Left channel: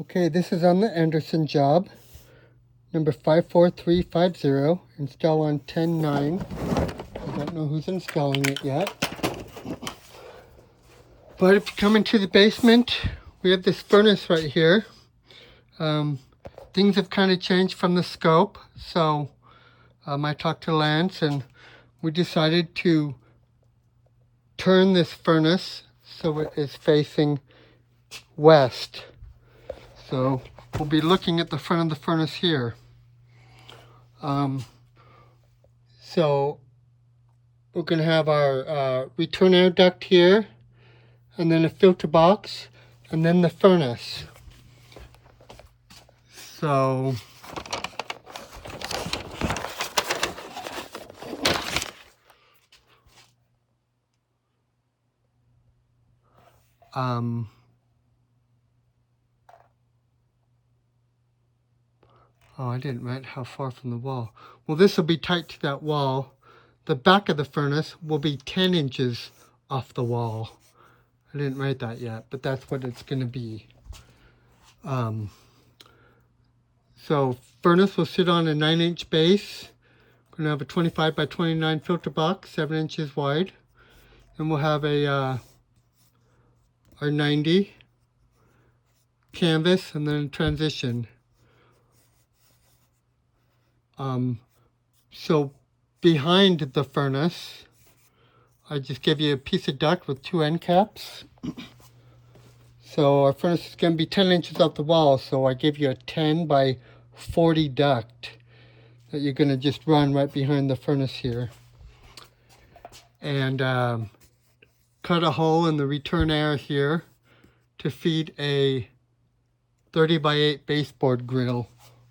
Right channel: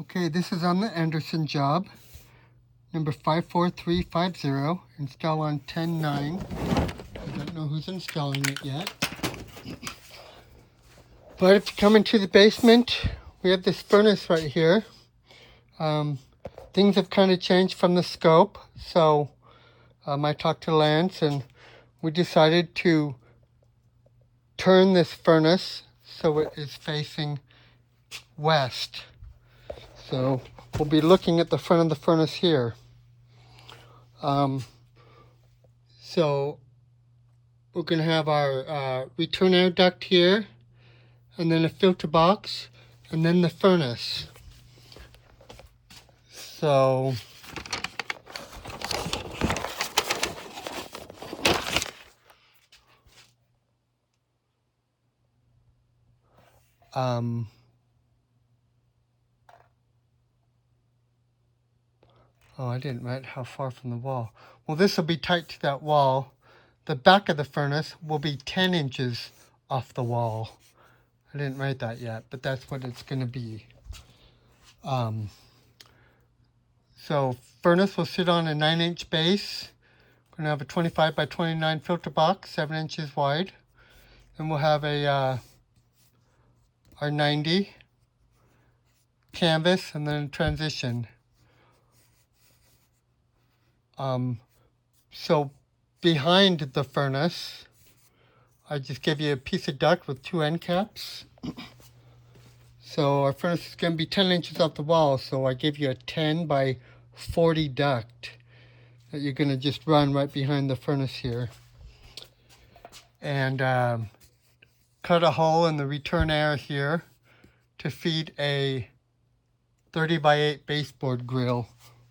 Okay, this is on the Anderson job, number 54350, install on 10/9. I don't know who's installing it yet. But if you come into the basement, we have this furnace right here. Things have kind of changed from the scope, so I talked to Lance and we decided to turn this furnace so it is facing west. So we'll be looking at the front of the furnace here. So we're going to have our return air duct here, and then a filter box, and then the furnace. So oh, I didn't write how far from the wall. Well, this will be tight to that wall. The back of the furnace will be 10 inches off the wall. I didn't write that yet, but that's what it's going to be. So furnace will sit on a 9-inch base. We're going to have a 25 by 29 filter box, 7 inches wide. And we'll have a R90 canvas and then transition. So behind the furnace, I just give you a piece of duct with 2 end caps. So our furnace is going to be 10 inches off the wall, so I give you a 10 by 40 duct that you're going to just run right behind the furnace here. And cut a hole in the return air here to feed a 30 by 8 baseboard grill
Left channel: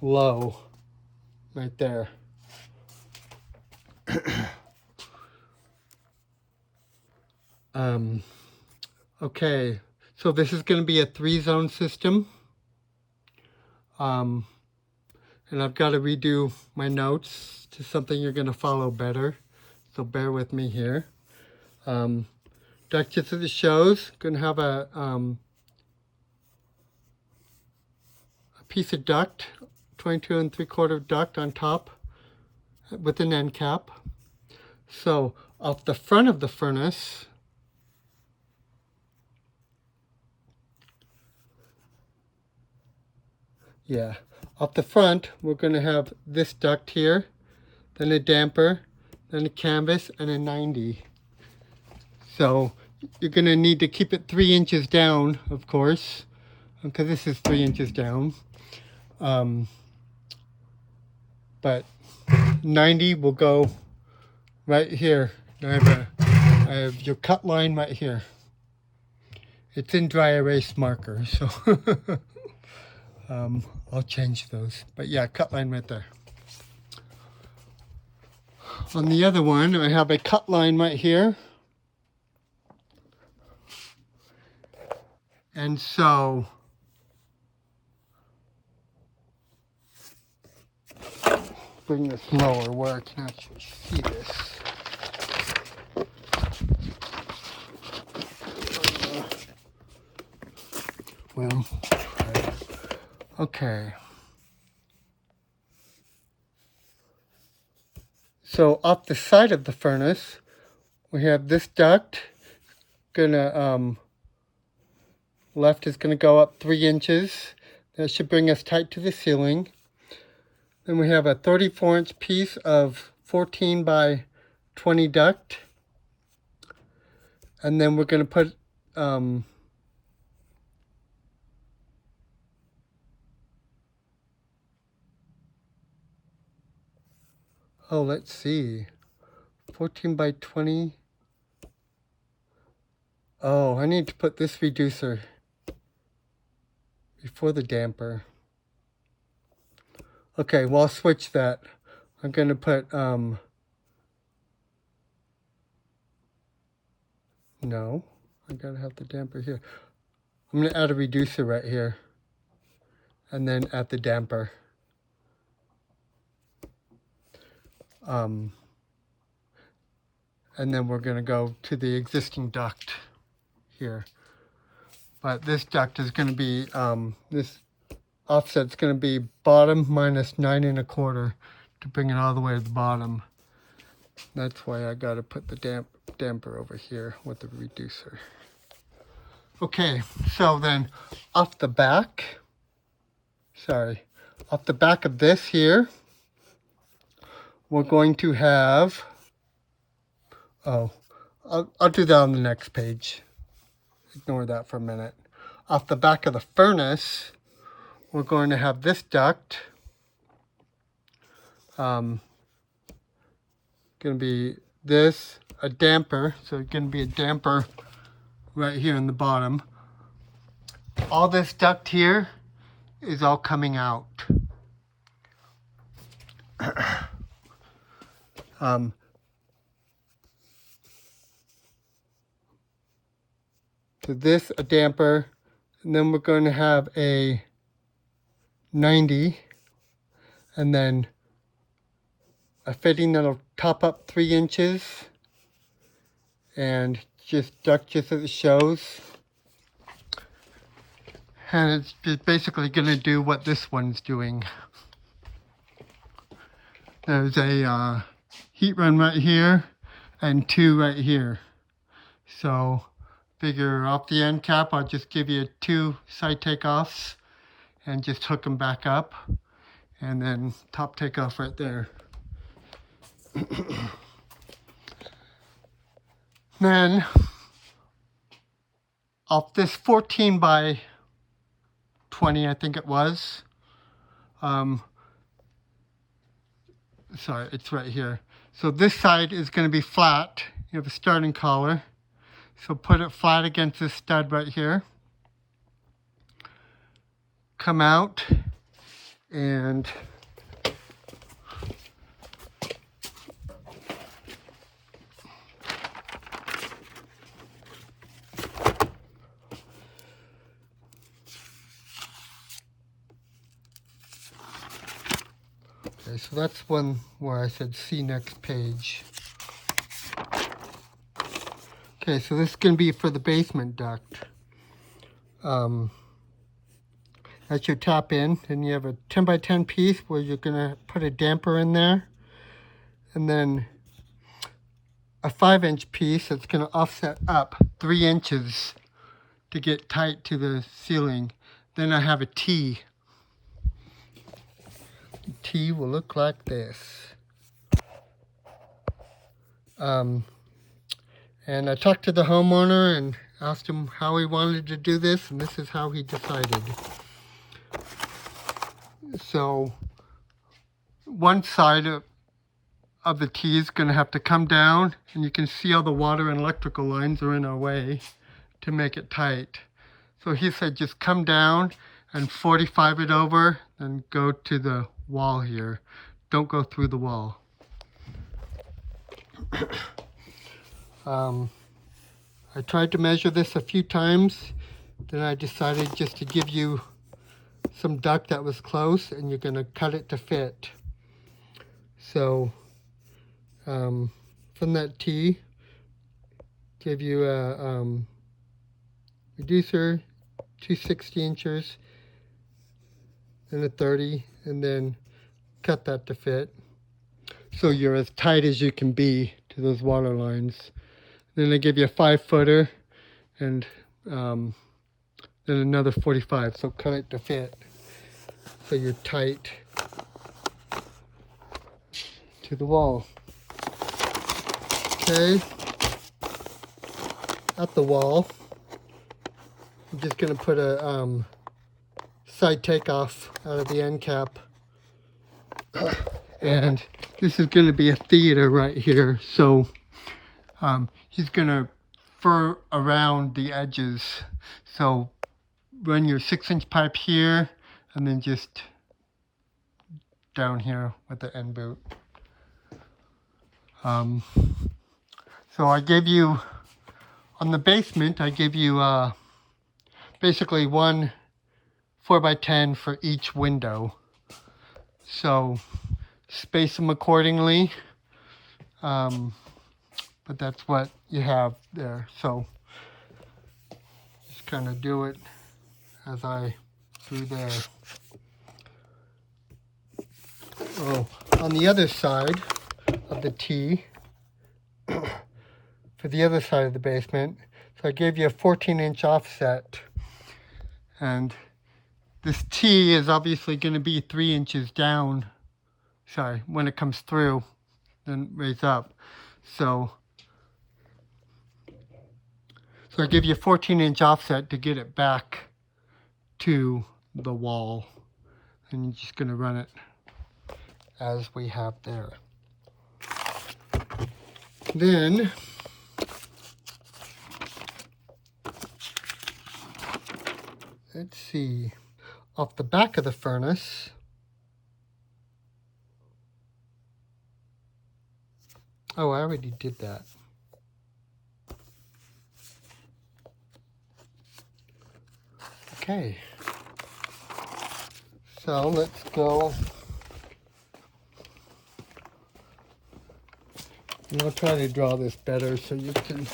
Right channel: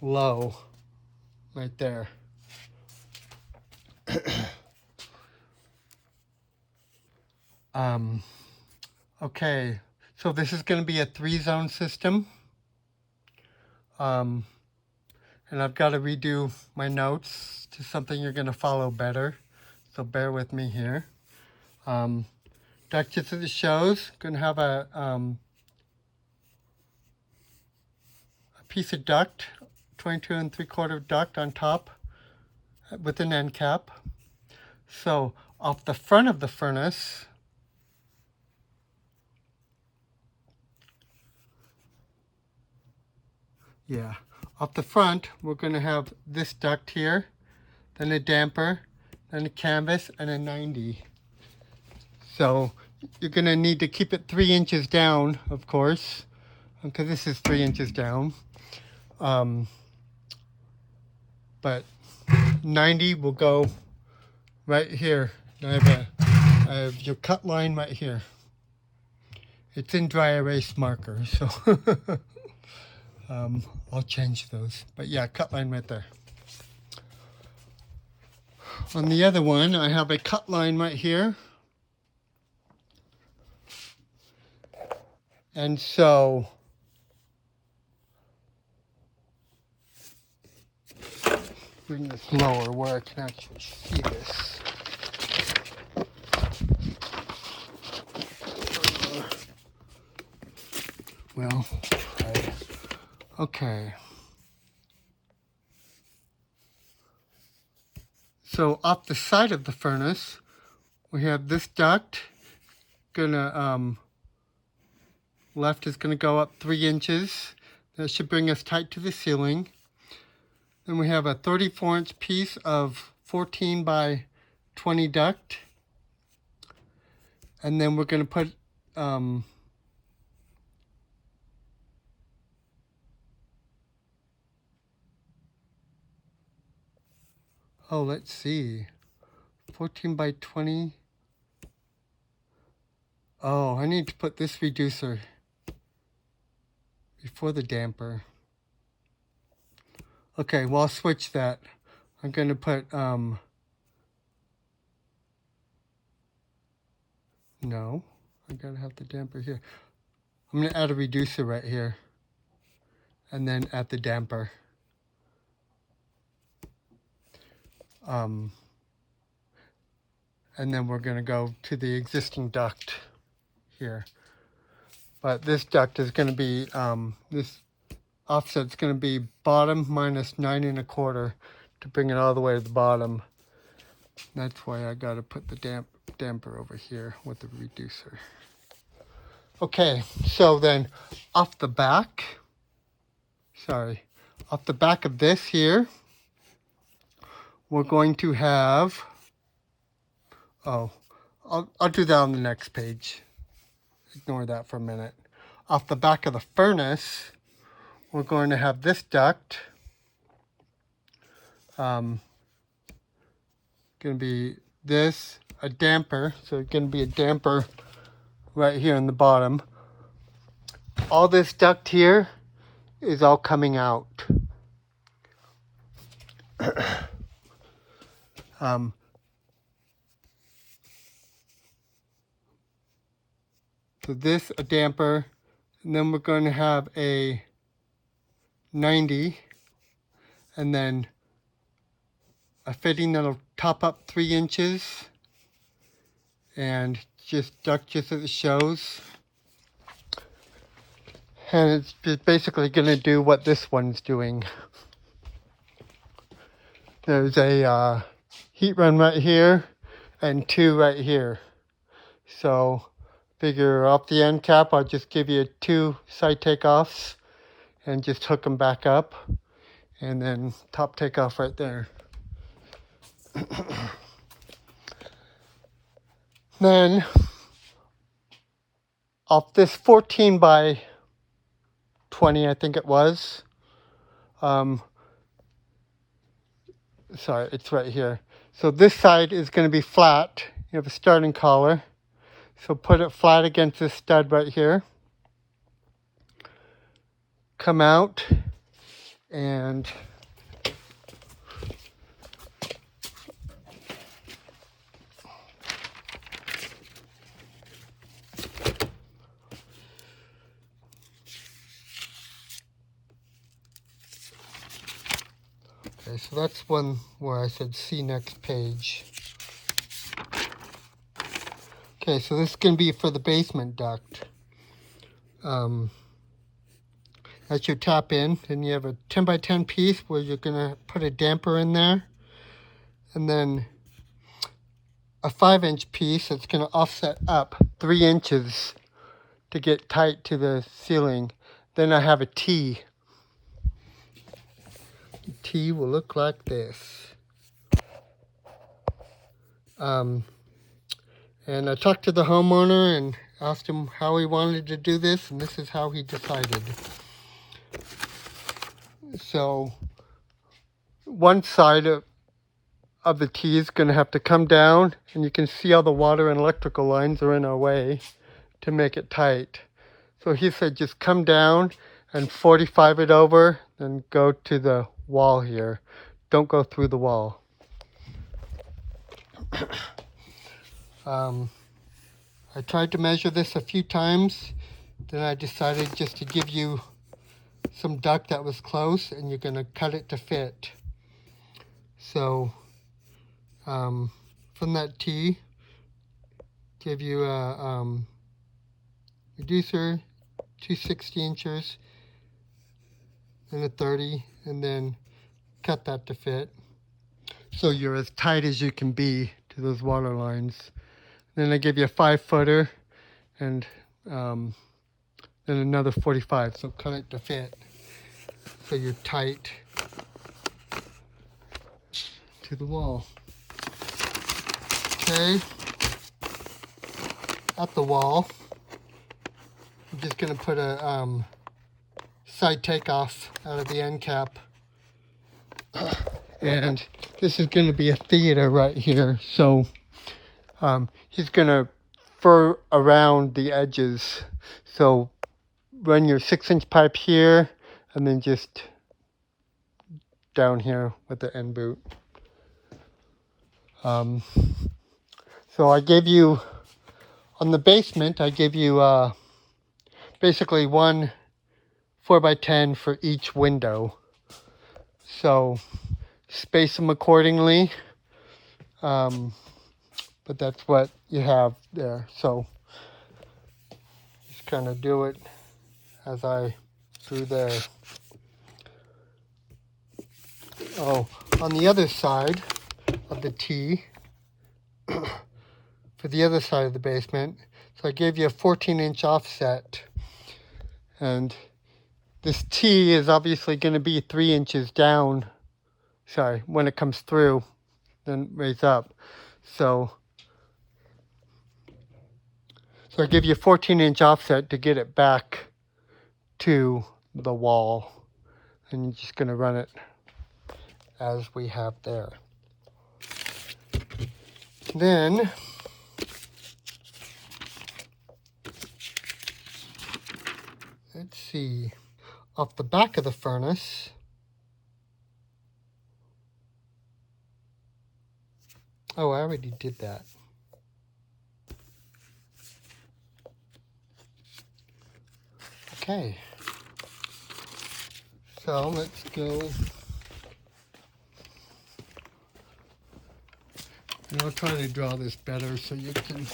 low right there. Okay, so this is going to be a 3-zone system. And I've got to redo my notes to something you're going to follow better. So bear with me here. Duct just as it shows, going to have a piece of duct, 22 3/4 duct on top with an end cap. So off the front of the furnace, off the front, we're going to have this duct here, then a damper, then a canvas, and a 90. So you're going to need to keep it 3 inches down, of course, because this is 3 inches down. But 90 will go right here. I have your cut line right here. It's in dry erase marker, so I'll change those. But yeah, cut line right there. On the other one, I have a cut line right here. And so bring this lower where I can actually see this. Well, okay. So off the side of the furnace, we have this duct. Left is gonna go up 3 inches. That should bring us tight to the ceiling. Then we have a 34-inch piece of 14 by 20 duct. And then we're gonna put oh, let's see, 14 by 20. Oh, I need to put this reducer before the damper. Okay, well, I'll switch that. I'm going to put, no, I gotta have the damper here. I'm going to add a reducer right here. And then add the damper. And then we're going to go to the existing duct here. But this duct is going to be, this offset's going to be bottom minus 9 1/4 to bring it all the way to the bottom. That's why I got to put the damper over here with the reducer. Okay, so then off the back of this here, we're going to have, I'll do that on the next page. Ignore that for a minute. Off the back of the furnace, we're going to have this duct. Going to be this, a damper. So it's going to be a damper right here in the bottom. All this duct here is all coming out. So this, a damper, and then we're going to have a 90, and then a fitting that'll top up 3 inches, and just duct just as it shows. And it's just basically going to do what this one's doing. There's a heat run right here and 2 right here. So figure off the end cap, I'll just give you 2 side takeoffs and just hook them back up, and then top takeoff right there. Then off this 14 by 20, I think it was. Sorry, it's right here. So this side is going to be flat. You have a starting collar. So put it flat against this stud right here. Come out and okay, so that's one where I said see next page. Okay, so this is going to be for the basement duct. That's your top in, and you have a 10 by 10 piece where you're going to put a damper in there, and then a 5-inch piece that's going to offset up 3 inches to get tight to the ceiling. Then I have a T. The T will look like this. And I talked to the homeowner and asked him how he wanted to do this, and this is how he decided. So one side of the T is going to have to come down, and you can see all the water and electrical lines are in our way to make it tight. So he said just come down and 45 it over and go to the wall here. Don't go through the wall. I tried to measure this a few times, then I decided just to give you some duct that was close, and you're going to cut it to fit. So from that T, give you a reducer, 2 16-inchers, and a 30, and then cut that to fit. So you're as tight as you can be to those water lines. Then I give you a 5-footer, and then another 45, so cut it to fit. So you're tight to the wall. Okay, at the wall, I'm just going to put a side takeoff out of the end cap. And this is going to be a theater right here. So he's going to fur around the edges. So run your 6-inch pipe here, and then just down here with the end boot. So I gave you, on the basement, I gave you basically one 4x10 for each window. So space them accordingly. But that's what you have there. So just kind of do it as I do there. Oh, on the other side of the T, for the other side of the basement, so I gave you a 14-inch offset. And this T is obviously going to be 3 inches down, sorry, when it comes through, then raise up. So I give you a 14-inch offset to get it back to the wall. And you're just going to run it as we have there. Then let's see, off the back of the furnace, oh, I already did that. Okay, so let's go. And I'll try to draw this better so you can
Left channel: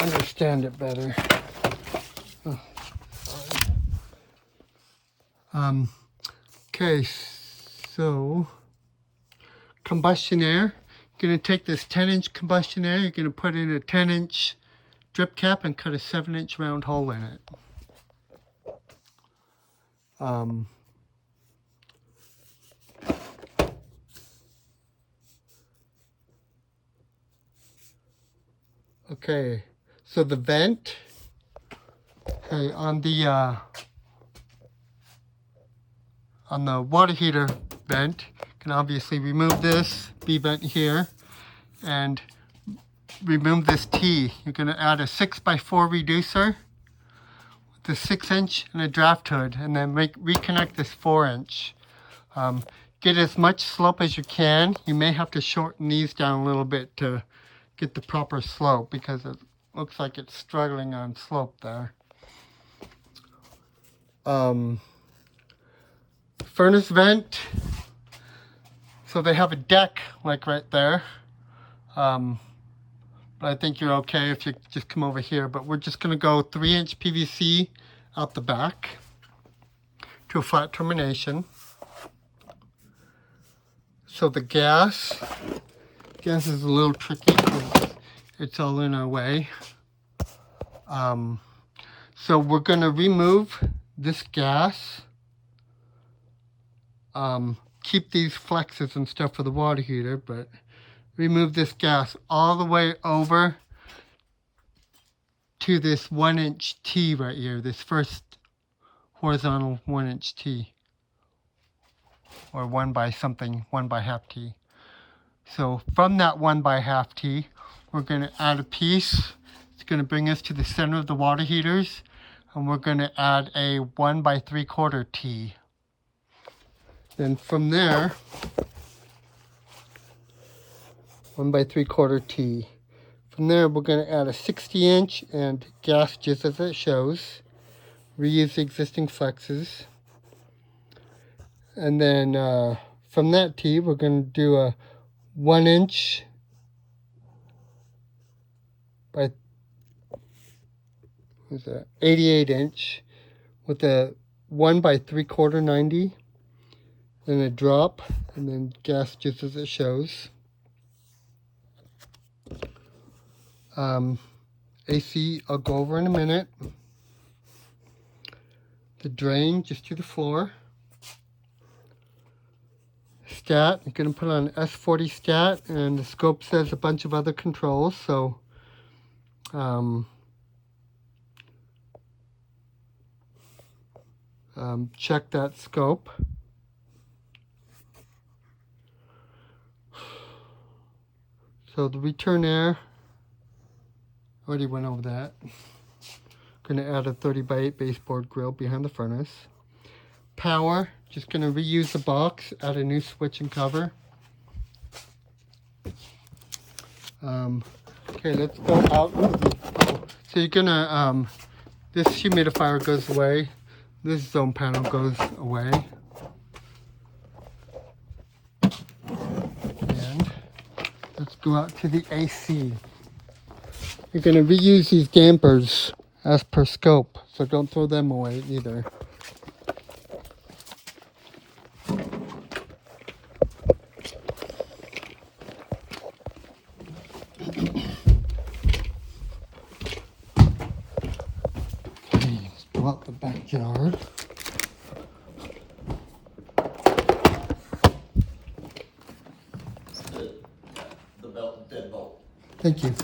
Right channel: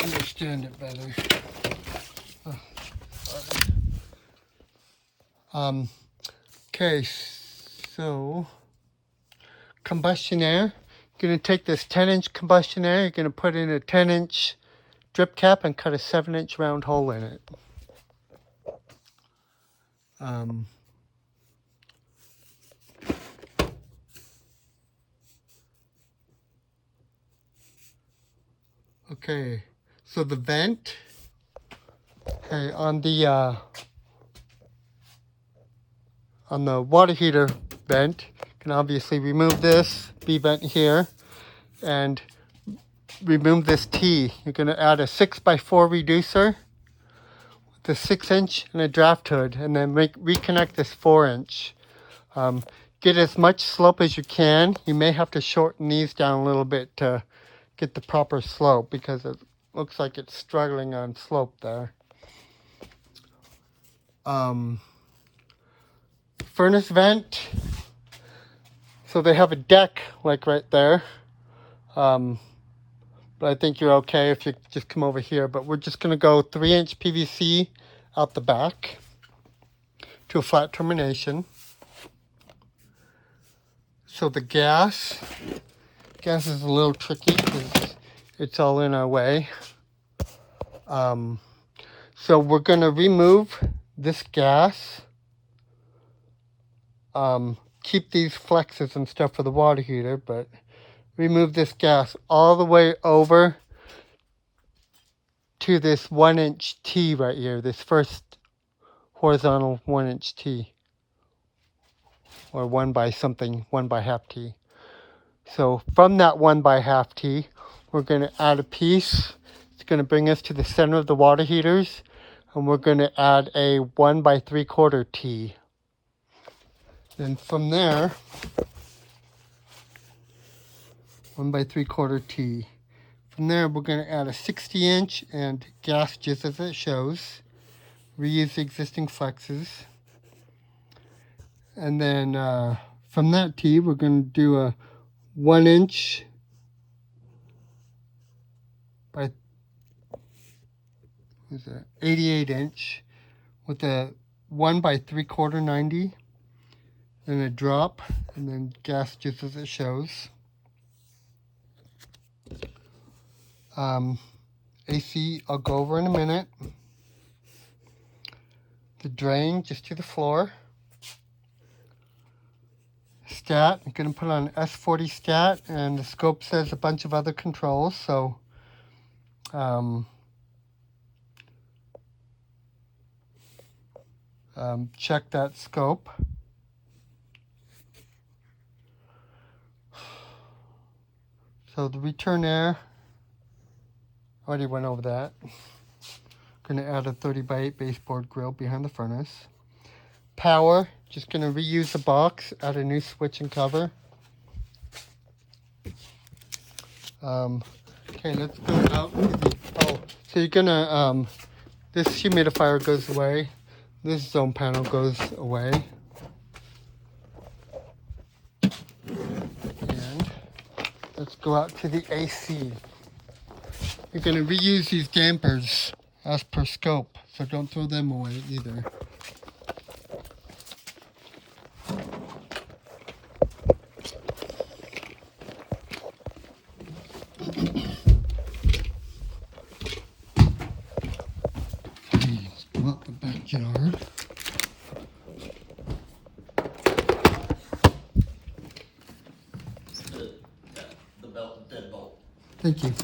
understand it better. Oh, sorry. Okay, so combustion air. You're going to take this 10-inch combustion air, you're going to put in a 10-inch drip cap and cut a 7-inch round hole in it. Okay, so the vent, okay, on the water heater vent, you can obviously remove this B vent here and remove this T. You're going to add a 6x4 reducer with a 6-inch and a draft hood, and then reconnect this 4-inch. Get as much slope as you can. You may have to shorten these down a little bit to get the proper slope because it looks like it's struggling on slope there. Furnace vent. So they have a deck like right there. But I think you're okay if you just come over here. But we're just going to go 3-inch PVC out the back to a flat termination. So the gas is a little tricky because it's all in our way. So we're going to remove this gas. Keep these flexes and stuff for the water heater, but remove this gas all the way over to this 1-inch T right here, this first horizontal 1-inch T, or 1 by half T. So from that 1 by half T, we're going to add a piece. It's going to bring us to the center of the water heaters, and we're going to add a 1 by 3/4 T. Then from there, 1 by 3/4 T. From there, we're going to add a 60-inch and gas just as it shows. Reuse the existing flexes. And then from that T, we're going to do a 1-inch by 88-inch with a 1 by 3/4 90. Then a drop, and then gas just as it shows. AC, I'll go over in a minute. The drain, just to the floor. Stat, I'm going to put on S40 stat, and the scope says a bunch of other controls, so check that scope. So the return air, already went over that. Going to add a 30x8 baseboard grill behind the furnace. Power, just going to reuse the box, add a new switch and cover. Okay, let's go out. So you're going to, this humidifier goes away. This zone panel goes away. And let's go out to the AC. You're going to reuse these dampers as per scope, so don't throw them away either. jar. The belt, dead bolt. Thank you.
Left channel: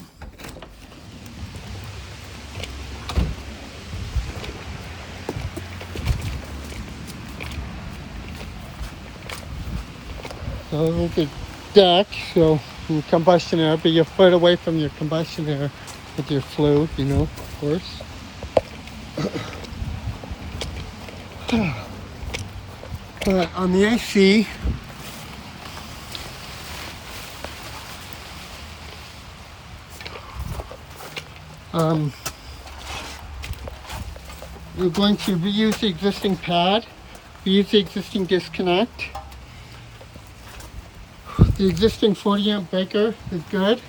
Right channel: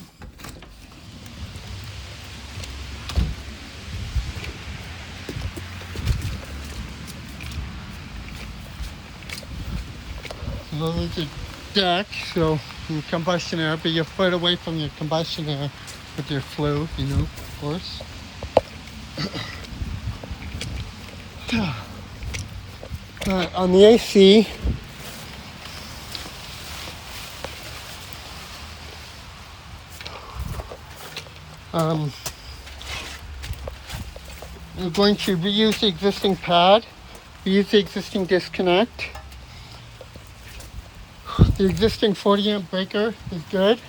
So there's a deck, so your combustion air, be a foot away from your combustion air with your flue, you know, of course. On the AC, we're going to reuse the existing pad, reuse the existing disconnect. The existing 40 amp breaker is good.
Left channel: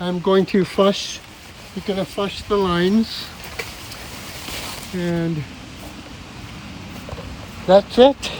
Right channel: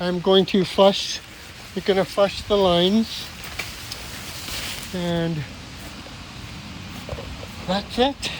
I'm going to flush, you're going to flush the lines, and that's it.